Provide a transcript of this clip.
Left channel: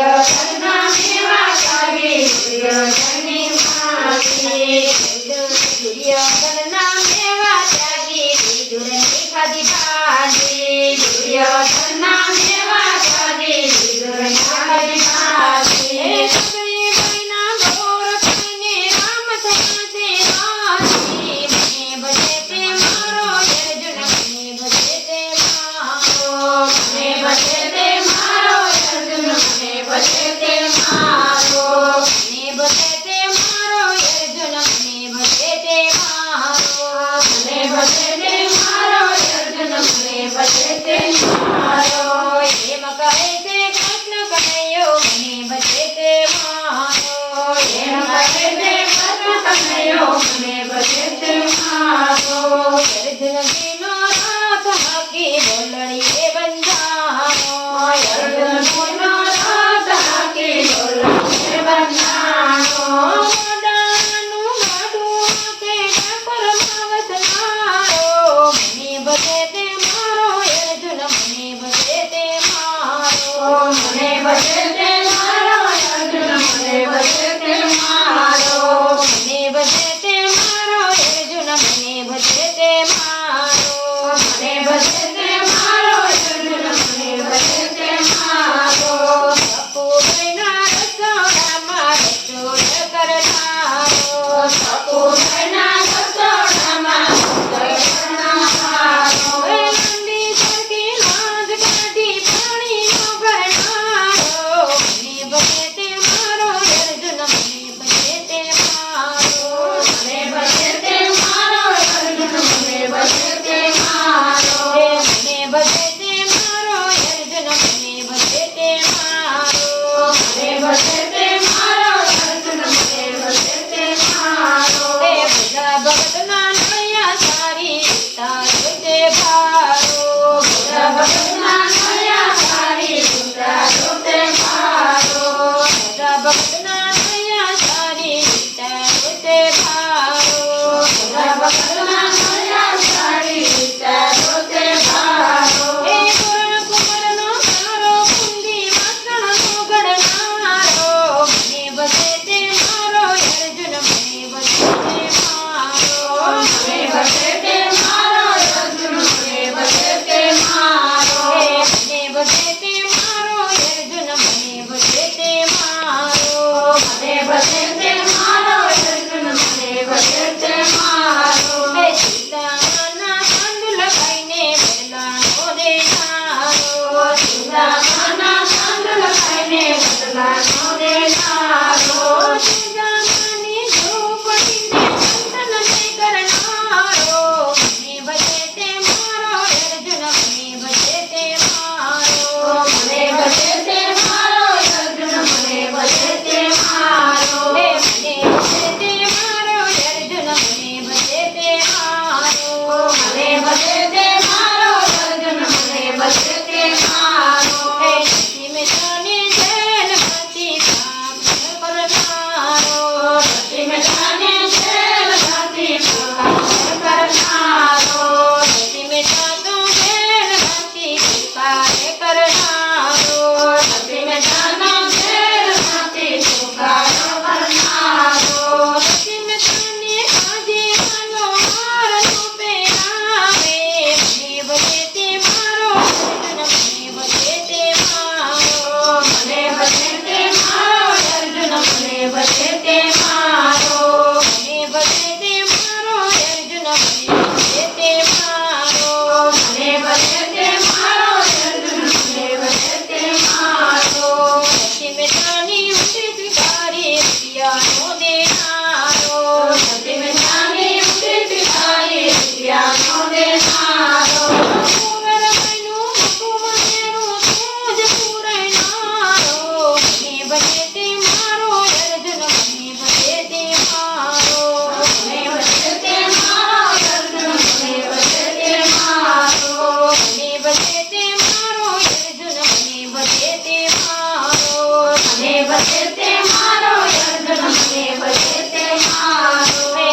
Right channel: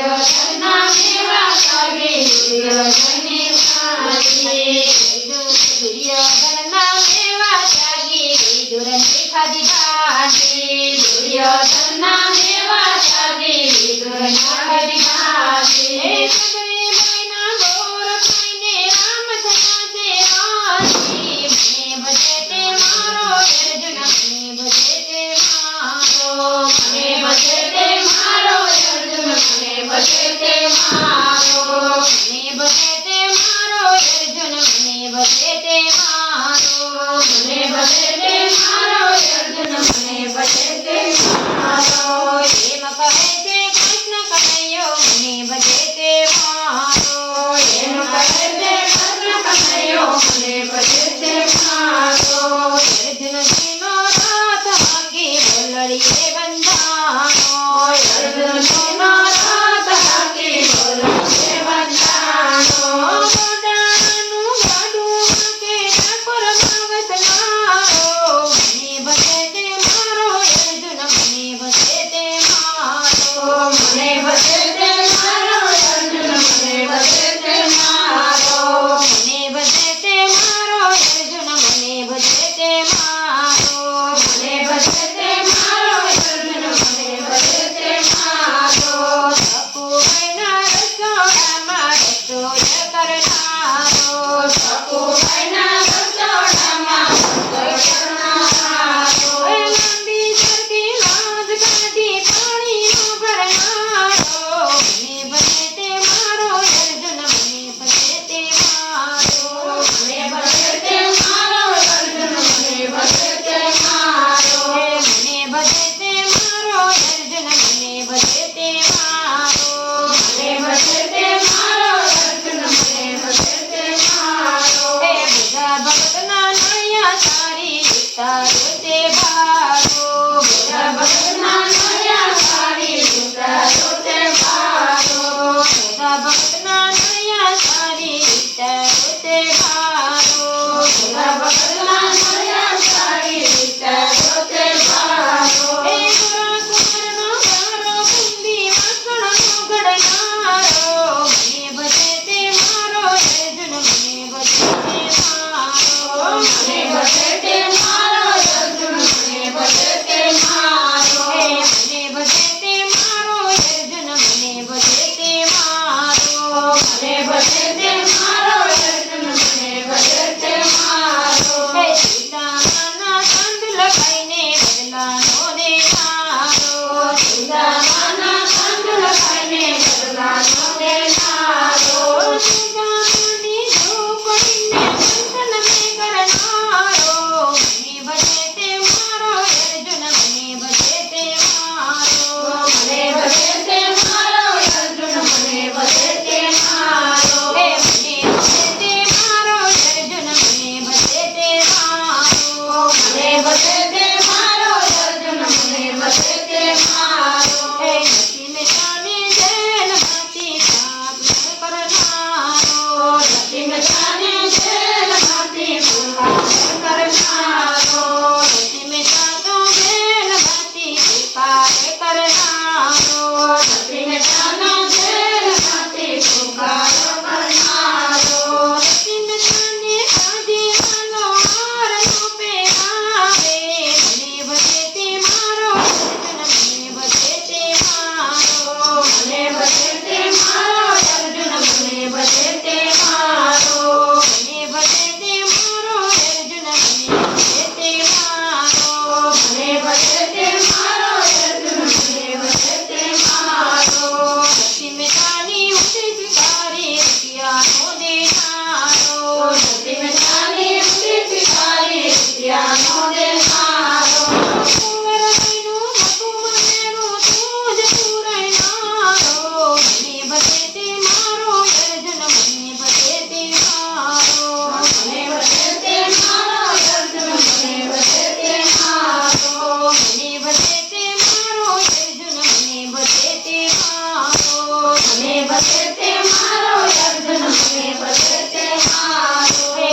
દુર્યોધનના મેવા જાગે દુર્યોધનની માજી દુર્યોધનના મેવા જાગે વિદુરની ખાધી ભાજી દુર્યોધનના મેવા જાગે વિદુરની ખાધી ભાજી સદય બૈના ગોર ખાઈને રામ થયા છે રાજી મને ભજે તે મારો અર્જુન મને ભજે તે મારો મને ભજે તે મારો અર્જુન મને ભજે તે મારો મને ભજે તે મારો અર્જુન મને ભજે તે મારો મને ભજે તે મારો અર્જુન મને ભજે તે મારો એમ કહે છે કૃષ્ણ કનૈયો મને ભજે તે મારો એમ કહે છે કૃષ્ણ કનૈયો મને ભજે તે મારો અર્જુનજીનો રથ હાકી બોલડીએ બંધાનો અર્જુનજીનો રથ હાકી બોલડીએ બંધાનો મોઢાનું ગાડું કે ઠાકોરમાં વસનારો મને ભજે તે મારો અર્જુન મને ભજે તે મારો મને ભજે તે મારો અર્જુન મને ભજે તે મારો મને ભજે તે મારો અર્જુન મને ભજે તે મારો મને ભજે તે મારો અર્જુન મને ભજે તે મારો સકુભાઈના રસોડામાં રસોઈ કરનારો સકુભાઈના રસોડામાં રસોઈ કરનારો લાંબી સરખી લાજ કાઢી પાણીનો ભરનારો મને ભજે તે મારો અર્જુન મને ભજે તે મારો મને ભજે તે મારો અર્જુન મને ભજે તે મારો મને ભજે તે મારો અર્જુન મને ભજે તે મારો મને ભજે તે મારો અર્જુન મને ભજે તે મારો હે બધા ભક્તના નળિયા સારી ઉતારો તે ભારો બધા ભક્તના નળિયા સારી ઉતારો તે ભારો બધા ભક્તના નળિયા સારી ઉતારો તે ભારો બધા ભક્તના નળિયા સારી ઉતારો તે ભારો હે ગોરા કુંવરનો મારો કુંડી વાસણનો ઘડનારો મને ભજે તે મારો અર્જુન મને ભજે તે મારો મને ભજે તે મારો અર્જુન મને ભજે તે મારો હે મને ભજે તે મારો અર્જુન મને ભજે તે મારો મને ભજે તે મારો અર્જુન મને ભજે તે મારો હે સીતામાના કંડુલ ખાઈને બદલાનો દેનારો સીતામાના કંડુલ ખાઈને બદલાનો દેનારો સીતામાની ઝૂંપડીને મંથન મેં કરનારો મને ભજે તે મારો અર્જુન મને ભજે તે મારો મને ભજે તે મારો અર્જુન મને ભજે તે મારો હે મને ભજે તે મારો અર્જુન મને ભજે તે મારો મને ભજે તે મારો અર્જુન મને ભજે તે મારો હે સખી મિત્રને જેલમાંથી કામ કરનારો સખી મિત્રને જેલમાંથી કામ કરનારો સખી મિત્ર તો જેલમાંથી કૃપા કરનારો સખી મિત્રનો જેલમાંથી કૃપા કરનારો સખી મિત્રને કાજેવાનો હારનો પહેરાવે મને ભજે તે મારો અર્જુન મને ભજે તે મારો મને ભજે તે મારો અર્જુન મને ભજે તે મારો મને ભજે તે મારો અર્જુન મને ભજે તે મારો મને ભજે તે મારો અર્જુન મને ભજે તે મારો સખી મિત્રની ઉઠી સ્વીકારી રૂપિયાનો દેનારો સખી મિત્રની ઉઠી સ્વીકારી રૂપિયાનો દેનારો કુંવરબાઈનું મકું મનેરું તું જ પુરાયનારો મને ભજે તે મારો અર્જુન મને ભજે તે મારો મને ભજે તે મારો અર્જુન મને ભજે તે મારો મને ભજે તે મારો અર્જુન મને ભજે તે મારો મને ભજે તે મારો અર્જુન મને ભજે તે મારો હે